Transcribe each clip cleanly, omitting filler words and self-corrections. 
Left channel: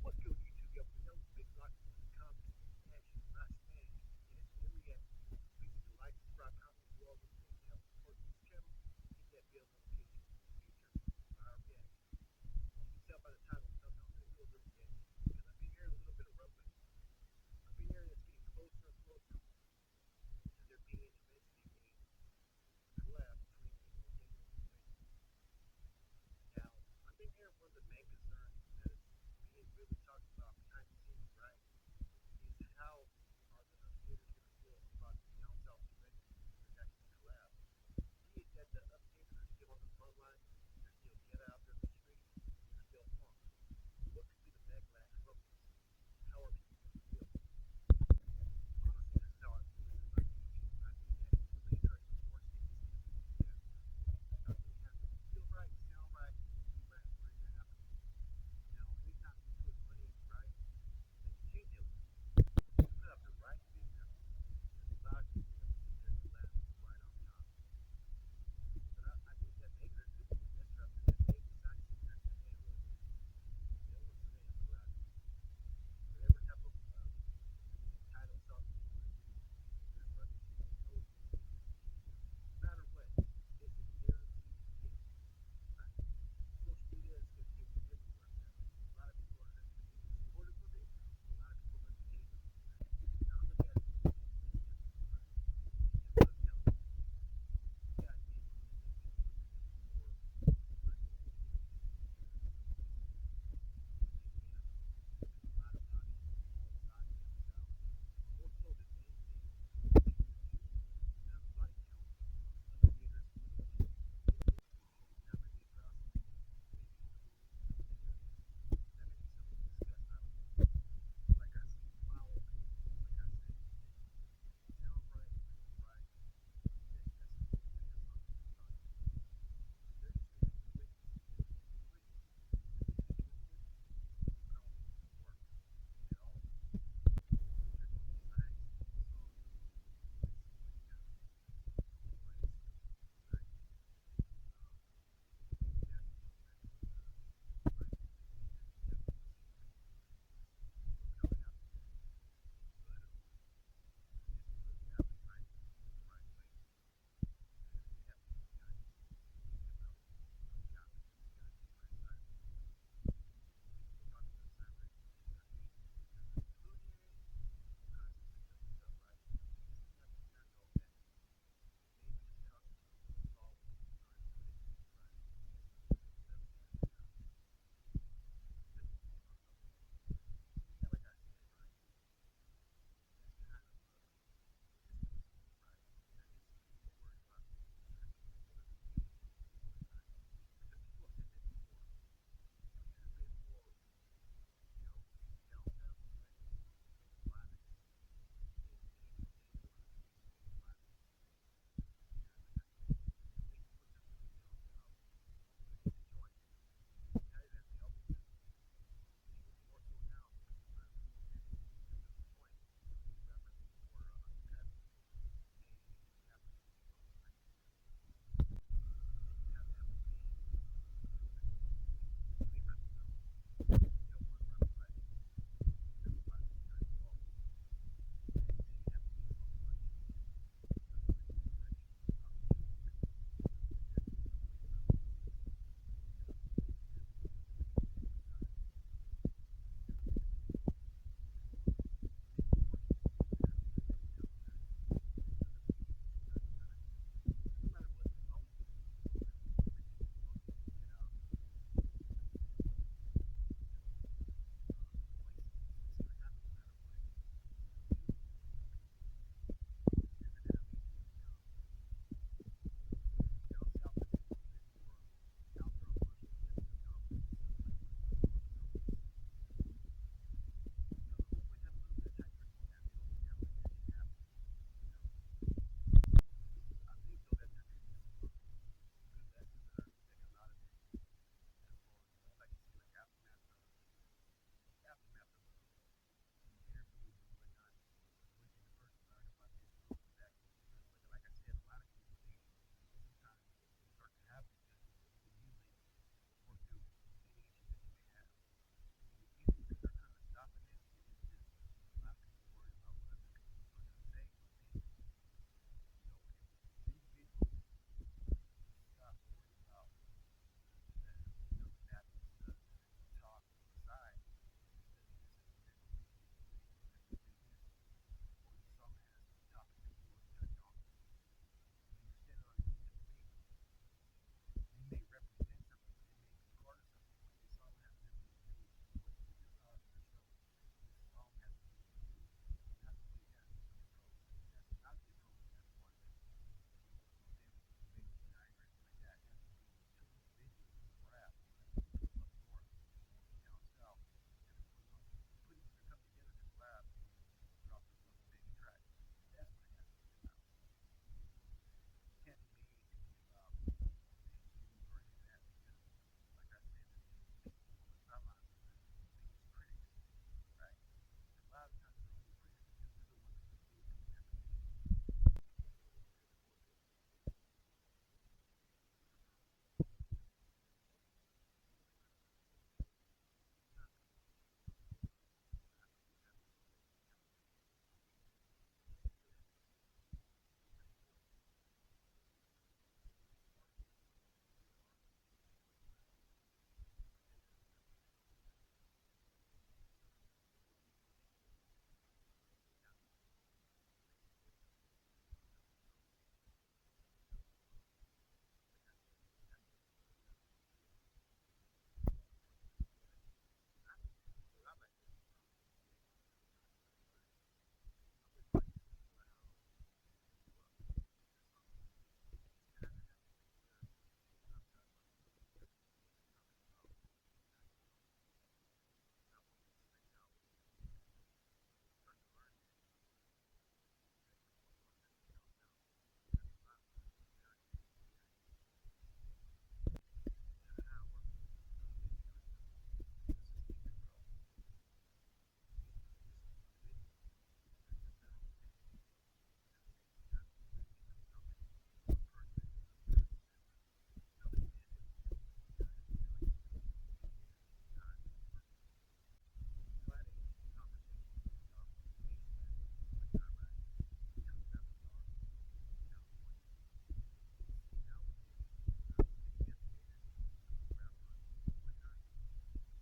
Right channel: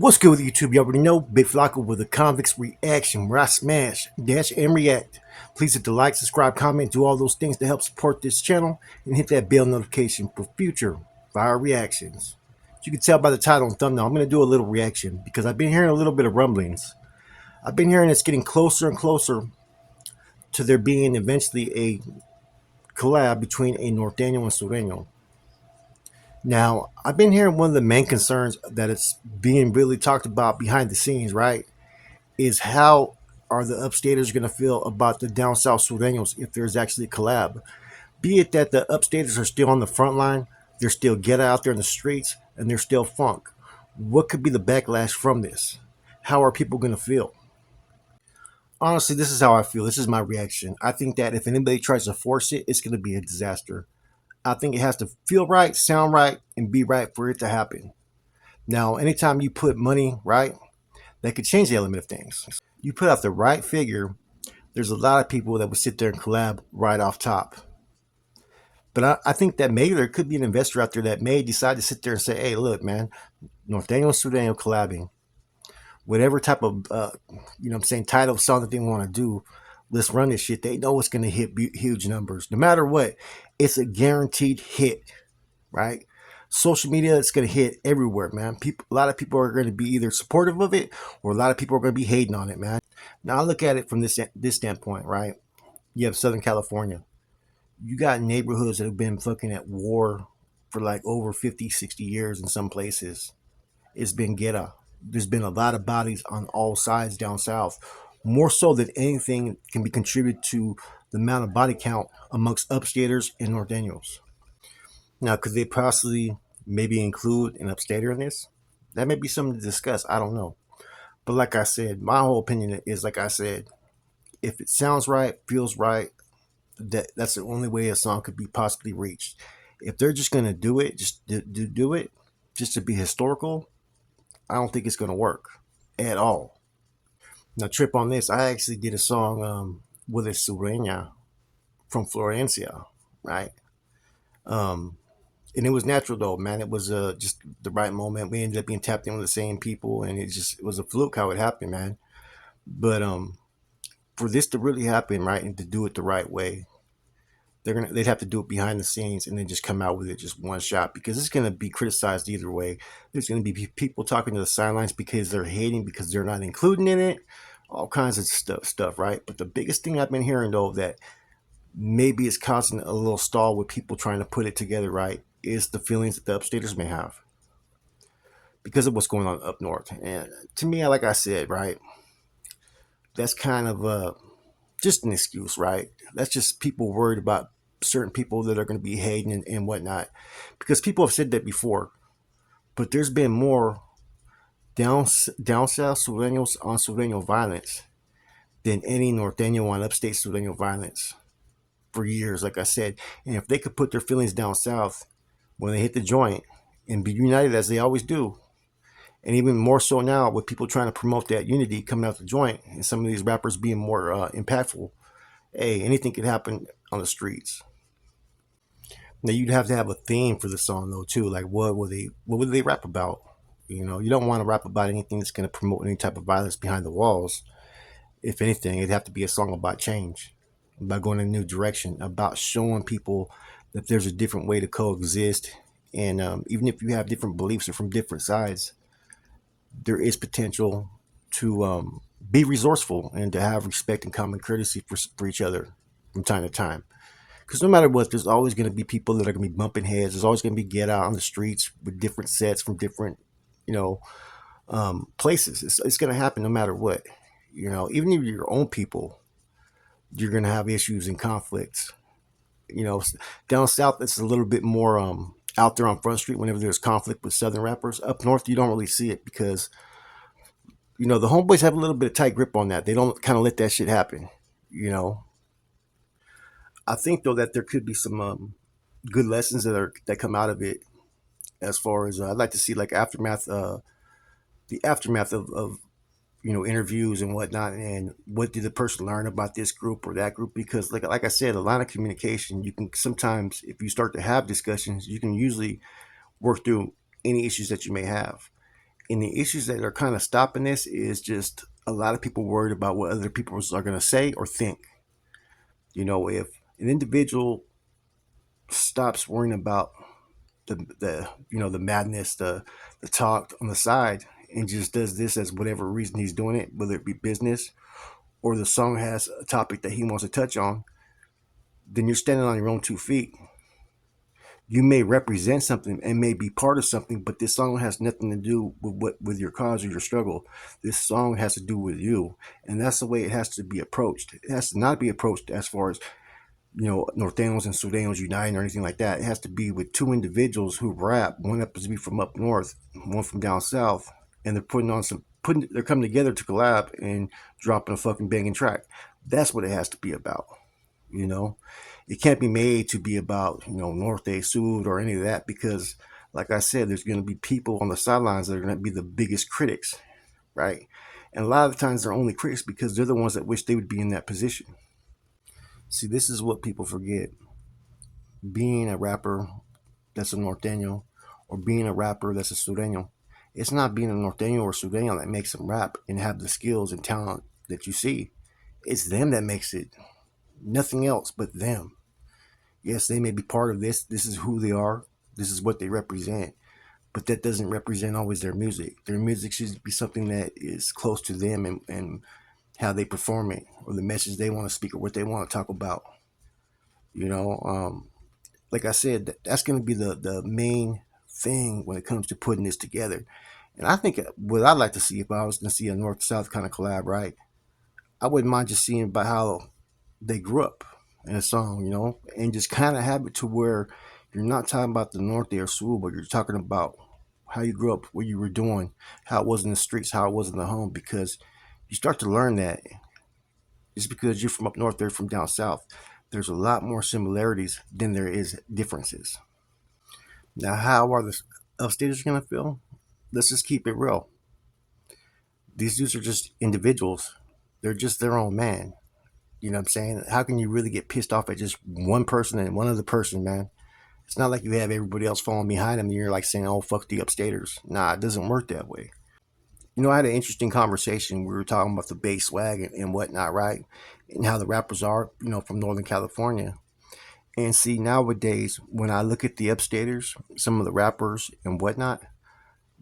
What's good with YouTube? You already know Big Flocko with a convicts reaction where I smash, dash, and react. Please hit the like, subscribe, comment, do all those things to help support this channel, and hit that bell notification for future fire reactions. As you can tell by the title and thumbnail, I'm going to do a little reaction because I've been hearing a little bit of rumblings. I've been hearing it's getting closer and closer to there being eventually a collab between a Norteno and Sureno. Now, I've been hearing one of the main concerns that it's being really talked about behind the scenes, right? Is how are the upstaters going to feel about the down south Sureños if there's actually a collab? Be it that the upstaters are still on the front line, they're still get out there in the streets, and they're still funk. What could be the backlash from this? How are people going to feel? Honestly, this is how I feel. This is my reaction. I think that if anybody tries to force it, it's going to be a disaster. I think it has to feel right, sound right, and be right for it to happen. Now, anytime you put money, right, that could change the element of things. You put out the right figure, there's a lot of people that would sit there and collab right off top. But I think that maybe there could be an investor out there that may decide to sit there and say, hey, look, man, Norteno and Sureno collabing. Whatever type of, title song that they want to do, let's run this shit. They know it's going to hit huge numbers. No matter what, it's a guaranteed hit, right? Social media, it's going to hit everywhere, man. A lot of people are going to be either supportive of it or a lot of people are going to be hating on it, man. Now I look at it from this standpoint, right? You have Southern California. You got neighborhoods that have been fucking at war for like over 50, 60 years in some places. It's been ghetto. There's been a lot of bodies on all sides down south. More so than anything can be contributed to the amount of body count amongst upstaters and norteños. Now, could they possibly maybe include an upstater in this? That may be something to discuss. I don't know. But like I said, my whole opinion is like I said, if it sounds right, feels right, that's the only way a song could be possibly reached. If they're just gonna do it, just do it, just to be historical, I don't think it's gonna work at all. Now, trip on this. I actually did a song with a Surena from Florencia, right? Um, and it was natural though, man. It was just the right moment. We ended up being tapped in with the same people, and it was a fluke how it happened, man. But for this to really happen, right, and to do it the right way, they'd have to do it behind the scenes and then just come out with it just one shot because it's gonna be criticized either way. There's gonna be people talking to the sidelines because they're hating because they're not including in it, all kinds of stuff, right? But the biggest thing I've been hearing though that maybe it's causing a little stall with people trying to put it together, right, is the feelings that the upstaters may have because of what's going on up north. And to me, like I said, right, that's kind of just an excuse, right? That's just people worried about certain people that are going to be hating and whatnot. Because people have said that before, but there's been more down south Sureños on Sureño violence than any Norteño on upstate Sureño violence for years, like I said. And if they could put their feelings down south when they hit the joint and be united as they always do, and even more so now with people trying to promote that unity coming out the joint and some of these rappers being more impactful, hey, anything could happen on the streets. Now you'd have to have a theme for the song though too, like what would they rap about? You don't want to rap about anything that's going to promote any type of violence behind the walls. If anything, it'd have to be a song about change, about going in a new direction, about showing people that there's a different way to coexist. And even if you have different beliefs or from different sides, there is potential to be resourceful and to have respect and common courtesy for each other from time to time. Because no matter what, there's always going to be people that are going to be bumping heads. There's always going to be get out on the streets with different sets from different, you know, places. It's going to happen no matter what. Even if you're your own people, you're going to have issues and conflicts. Down south, it's a little bit more out there on Front Street whenever there's conflict with Southern rappers. Up north, you don't really see it because, the homeboys have a little bit of tight grip on that. They don't kind of let that shit happen, you know. I think though that there could be some good lessons that come out of it. As far as I'd like to see like the aftermath of interviews and whatnot, and what did the person learn about this group or that group? Because like I said, a line of communication, you can sometimes, if you start to have discussions, you can usually work through any issues that you may have. And the issues that are kind of stopping this is just a lot of people worried about what other people are going to say or think. If an individual stops worrying about the madness, the talk on the side, and just does this as whatever reason he's doing it, whether it be business or the song has a topic that he wants to touch on, then you're standing on your own 2 feet. You may represent something and may be part of something, but this song has nothing to do with your cause or your struggle. This song has to do with you, and that's the way it has to be approached. It has to not be approached as far as Nortenos and Surenos uniting or anything like that. It has to be with two individuals who rap. One happens to be from up north, one from down south, and they're coming together to collab and dropping a fucking banging track. That's what it has to be about. You know, it can't be made to be about Norte, Sud, or any of that because, like I said, there's going to be people on the sidelines that are going to be the biggest critics, right? And a lot of the times they're only critics because they're the ones that wish they would be in that position. See, this is what people forget. Being a rapper that's a Norteño or being a rapper that's a Sureno, it's not being a Norteño or Sureno that makes them rap and have the skills and talent that you see. It's them that makes it. Nothing else but them. Yes, they may be part of this. This is who they are. This is what they represent. But that doesn't represent always their music. Their music should be something that is close to them and how they perform it or the message they want to speak or what they want to talk about. You know, like I said, that's going to be the main thing when it comes to putting this together. And I think what I'd like to see if I was going to see a North South kind of collab, right? I wouldn't mind just seeing about how they grew up in a song, and just kind of have it to where you're not talking about the North or South, but you're talking about how you grew up, what you were doing, how it was in the streets, how it was in the home, because you start to learn that just because you're from up north, they're from down south. There's a lot more similarities than there is differences. Now, how are the upstaters gonna feel? Let's just keep it real. These dudes are just individuals. They're just their own man. You know what I'm saying? How can you really get pissed off at just one person and one other person, man? It's not like you have everybody else following behind them and you're like saying, oh, fuck the upstaters. Nah, it doesn't work that way. I had an interesting conversation. We were talking about the bass swag and whatnot, right? And how the rappers are, from Northern California. And see, nowadays, when I look at the upstaters, some of the rappers and whatnot,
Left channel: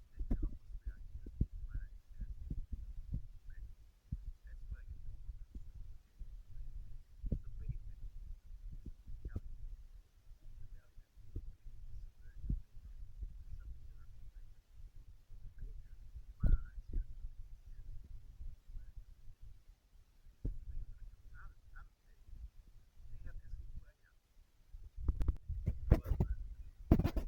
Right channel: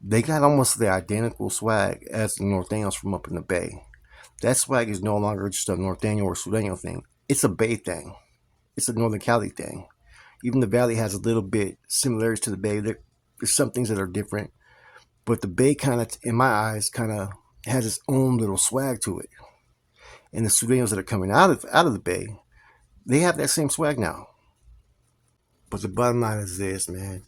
they got almost the identical swag as the Norteños from up in the Bay. That swag is no longer just a Norteño or Sureño thing. It's a Bay thing. It's a Northern Cali thing. Even the Valley has a little bit similarities to the Bay. There's some things that are different, but the Bay kind of, in my eyes, kind of has its own little swag to it. And the Sureños that are coming out of the Bay, they have that same swag now. But the bottom line is this, man.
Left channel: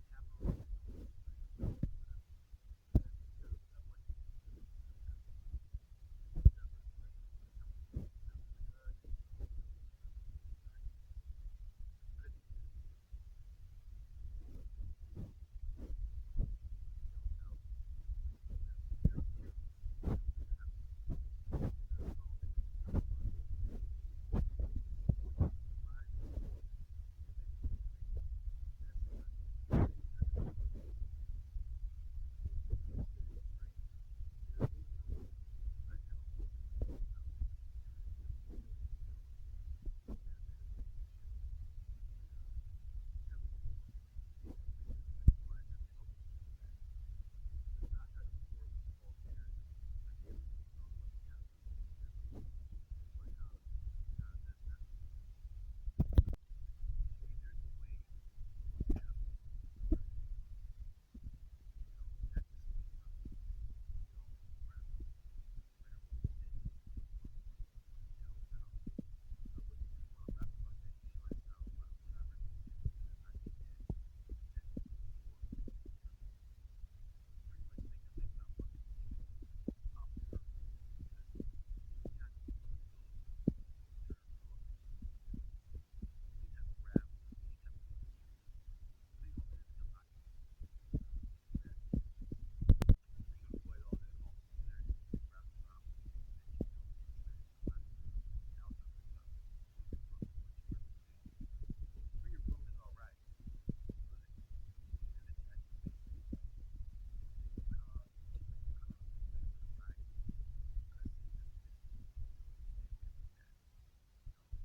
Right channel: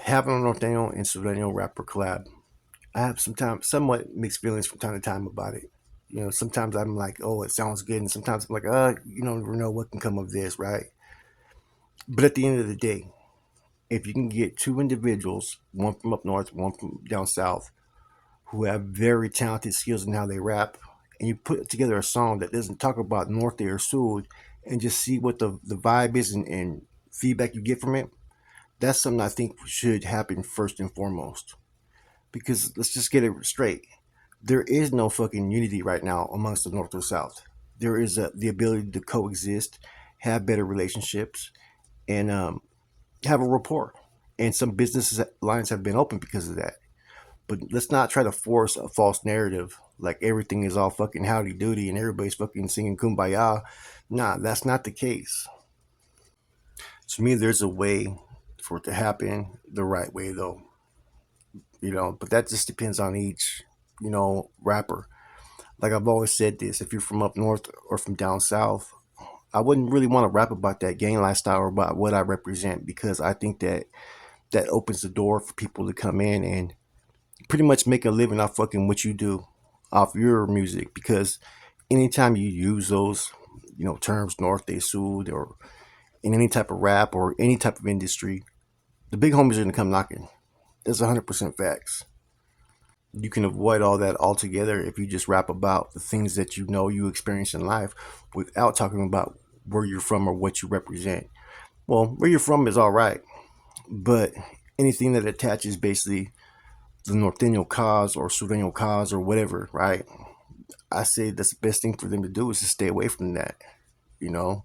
Having a Norteño and Sureno rapper collab, I have somewhat mixed feelings from time to time about it. Sometimes I'm like, oh, it sounds good, and sometimes I'm like, you don't know what can come of this, right? But at the end of the day, if you can get two individuals, one from up north, one from down south, who have very talented skills in how they rap, and you put together a song that doesn't talk about Norte or Sud, and just see what the vibe is and feedback you get from it, that's something I think should happen first and foremost. Because let's just get it straight. There is no fucking unity right now amongst the North or South. There is the ability to coexist, have better relationships, and have a rapport. And some business lines have been open because of that. But let's not try to force a false narrative like everything is all fucking howdy doody and everybody's fucking singing kumbaya. Nah, that's not the case. To me, there's a way for it to happen the right way, though. But that just depends on each, rapper. Like I've always said this, if you're from up north or from down south, I wouldn't really want to rap about that gang lifestyle or about what I represent because I think that opens the door for people to come in and pretty much make a living off fucking what you do, off your music. Because anytime you use those, terms, North, Day, Sud, or in any type of rap or any type of industry, the big homies are gonna come knocking. That's 100% facts. You can avoid all that altogether if you just rap about the things that you experience in life without talking about where you're from or what you represent. Well, where you're from is all right, but anything that attaches basically the Norteno cause or Sureno cause or whatever, right? I say that's the best thing for them to do is to stay away from that, you know.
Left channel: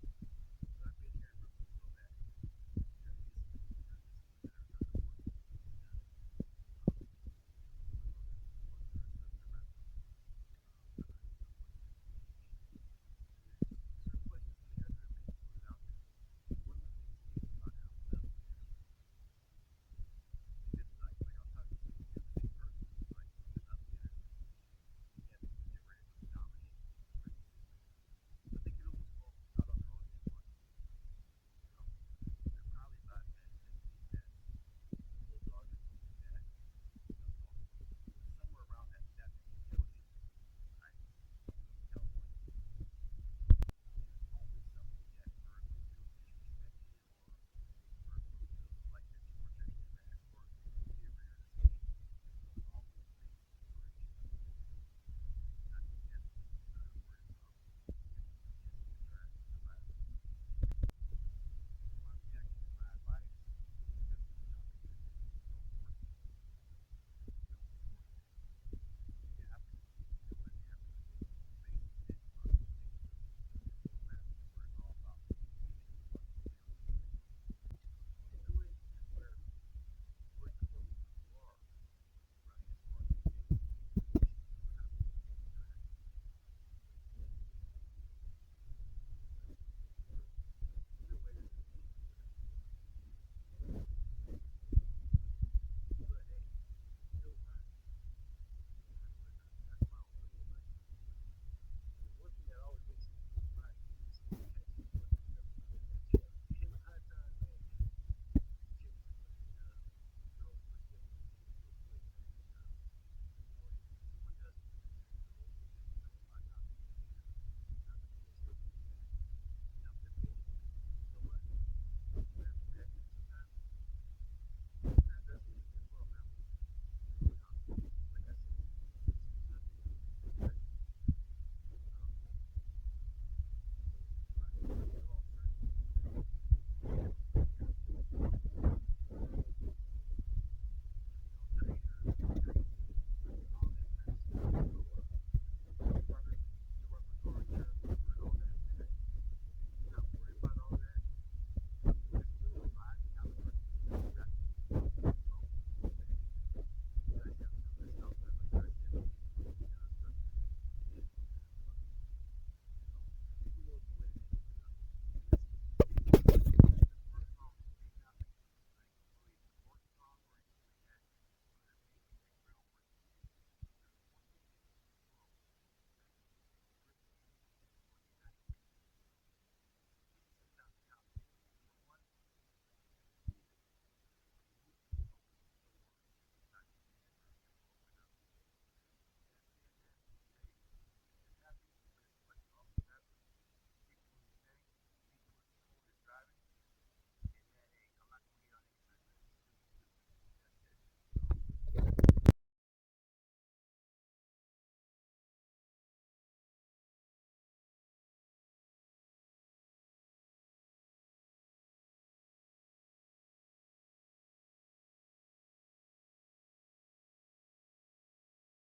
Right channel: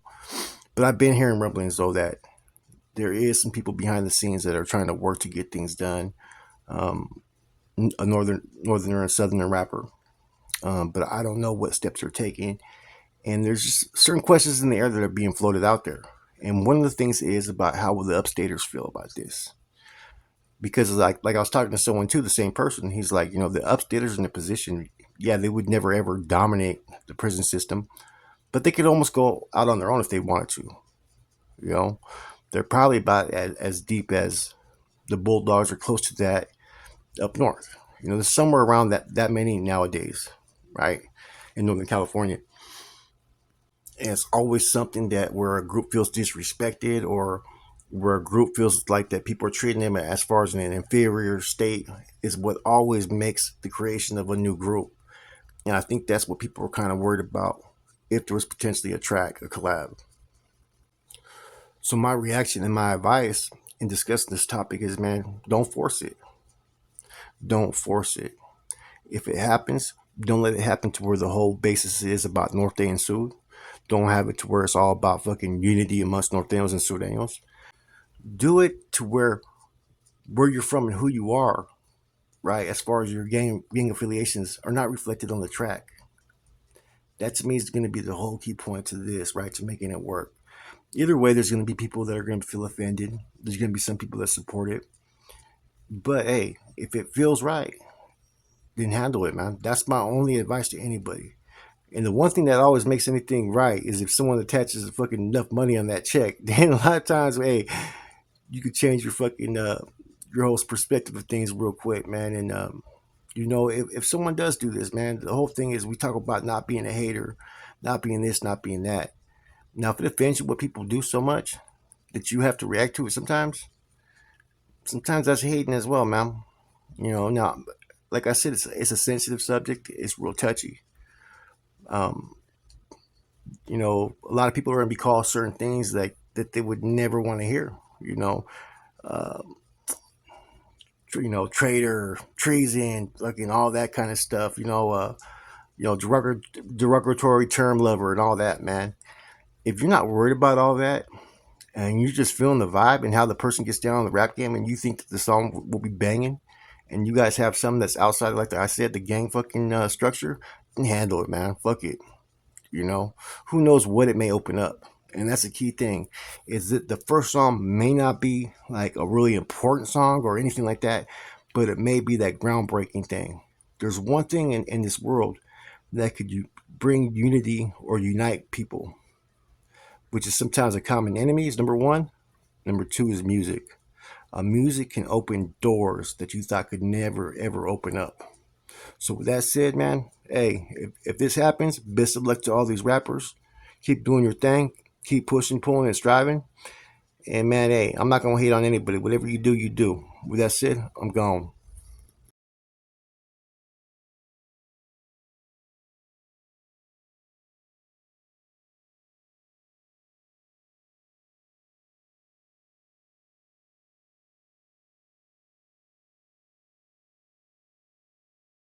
But I've been hearing rumblings though that there is some people behind the scenes that are trying to work to get things done. Um, a northerner and southerner rapper, but I don't know what steps they're taking. And there's just certain questions in the air that are being floated out there. And one of the things is about how will the upstaters feel about this? Because like I was talking to someone too, the same person. He's like, the upstaters in a position, yeah, they would never ever dominate the prison system, but they could almost go out on their own if they wanted to. You know, they're probably about as deep as the Bulldogs, or close to that up north. There's somewhere around that many nowadays, right, in Northern California. And it's always something that where a group feels disrespected, or where a group feels like that people are treating them as far as in an inferior state, is what always makes the creation of a new group. And I think that's what people are kind of worried about, if there was potentially a collab. So my reaction and my advice in discussing this topic is, man, don't force it. Don't force it. If it happens, don't let it happen to where the whole basis is about Norte and Sud. Don't have it to where it's all about fucking unity amongst Norteños and Sureños. Do it to where you're from and who you are, right? As far as your gang affiliations are not reflected on the track. That to me is going to be the whole key point to this, right? To making it work. Either way, there's going to be people that are going to feel offended. There's going to be some people that support it. But hey, if it feels right, then handle it, man. That's my only advice to anybody. And the one thing that always makes anything right is if someone attaches fucking enough money on that check. Then a lot of times, hey, you could change your whole perspective of things real quick, man. And if someone does do this, man, the whole thing is we talk about not being a hater, not being this, not being that. Now, if it offends you what people do so much that you have to react to it sometimes that's hating as well, man. Now, like I said, it's a sensitive subject. It's real touchy. Um, a lot of people are going to be called certain things that they would never want to hear. You know, uh, traitor, treason, fucking all that kind of stuff. Derogatory term lover and all that, man. If you're not worried about all that, and you're just feeling the vibe and how the person gets down on the rap game, and you think that the song will be banging, and you guys have something that's outside, like I said, the gang fucking structure, then handle it, man. Fuck it. Who knows what it may open up. And that's the key thing, is that the first song may not be like a really important song or anything like that, but it may be that groundbreaking thing. There's one thing in this world that could bring unity or unite people, which is sometimes a common enemy, is number one. Number two is music. Music can open doors that you thought could never ever open up. So with that said, man, hey, if this happens, best of luck to all these rappers. Keep doing your thing. Keep pushing, pulling, and striving. And man, hey, I'm not gonna hate on anybody. Whatever you do, you do. With that said, I'm gone.